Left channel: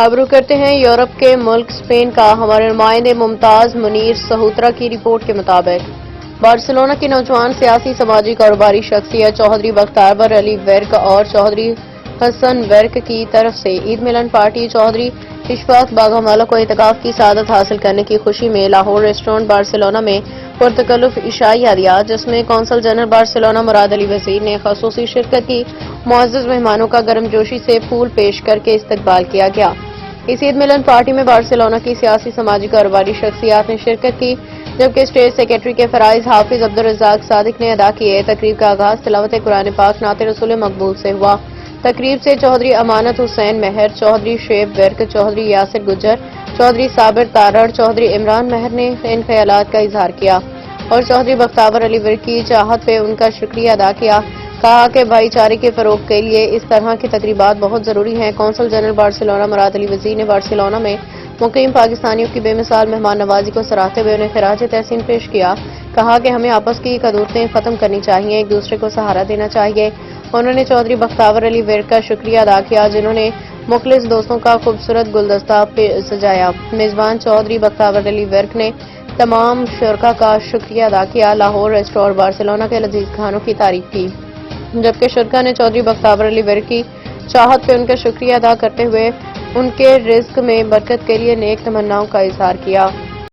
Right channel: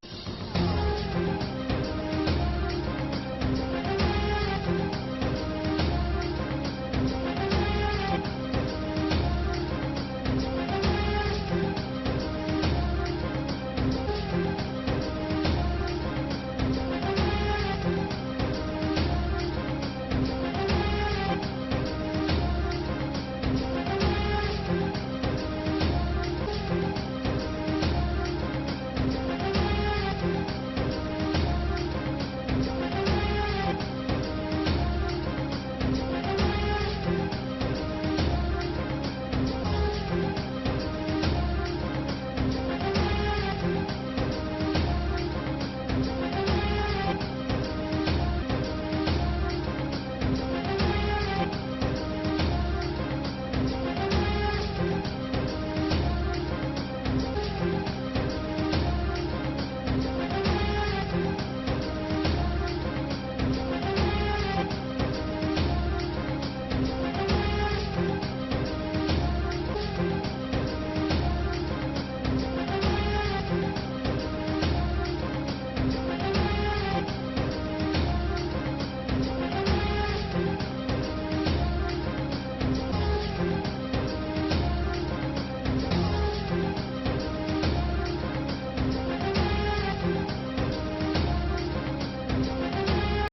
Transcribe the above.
آبرو کرتے ہیں یورپ کے ملک اسپین کا ہمارے نمائندے ممتاز منیر سہوترا کی رپورٹ کے مطابق بارسلونا کی نوجوان سیاسی سماجی کاروباری شخصیت چوہدری بختیور علی ورک اور چوہدری حسن ورک کی طرف سے عید ملن پارٹی چوہدری اشفاق باگھمالہ کو اعتکاف کی سعادت حاصل کرنے کی خوشی میں لاہور ریسٹورنٹ بارسلونا میں پرتکلف عشائیہ دیا، جس میں قونصل جنرل بارسلونا مراد علی وزیر نے خصوصی شرکت کی۔ معزز مہمانوں کا گرم جوشی سے پھول پیش کر کے استقبال کیا گیا۔ اس عید ملن پارٹی میں بارسلونا کی سیاسی سماجی کاروباری شخصیات نے شرکت کی، جبکہ اسٹیٹ سیکرٹری کے فرائض حافظ عبدالرزاق صادق نے ادا کیے۔ تقریب کا آغاز تلاوت قرآن پاک نعت رسول مقبول سے ہوا۔ تقریب سے چوہدری امانت حسین مہر، چوہدری شعیب ورک، چوہدری یاسر گجر، چوہدری صابر تارڑ، چوہدری عمران مہر نے ان خیالات کا اظہار کیا اور چوہدری بختیور علی ورک کی چاہت پہ ان کا شکریہ ادا کیا۔ کہا کہ بھائی چارے کے فروغ کے لیے اس طرح کی تقریبات بہت ضروری ہیں۔ قونصل جنرل بارسلونا مراد علی وزیر نے بارسلونا میں مقیم پاکستانیوں کی بے مثال مہمان نوازی کو سراہتے ہوئے انہیں خراج تحسین پیش کیا۔ کہا کہ ہمیں آپس کی قدورتیں ختم کرنی چاہیے، ایک دوسرے کو سہارا دینا چاہیے۔ انہوں نے چوہدری بختیور علی ورک کا شکریہ ادا کیا، جنہوں نے مخلص دوستوں کا خوبصورت گلدستہ سجایا۔ میزبان چوہدری بختیور علی ورک نے تمام شرکاء کا شکریہ ادا کیا، لاہور ریسٹورنٹ بارسلونا کے لذیذ کھانوں کی تعریف کی، جبکہ شرکاء نے چوہدری بختیور علی ورک کی چاہت پہ ان کا شکریہ ادا کرتے ہوئے ان کے رزق میں برکت کے لیے نیک تمناؤں کا اظہار کیا۔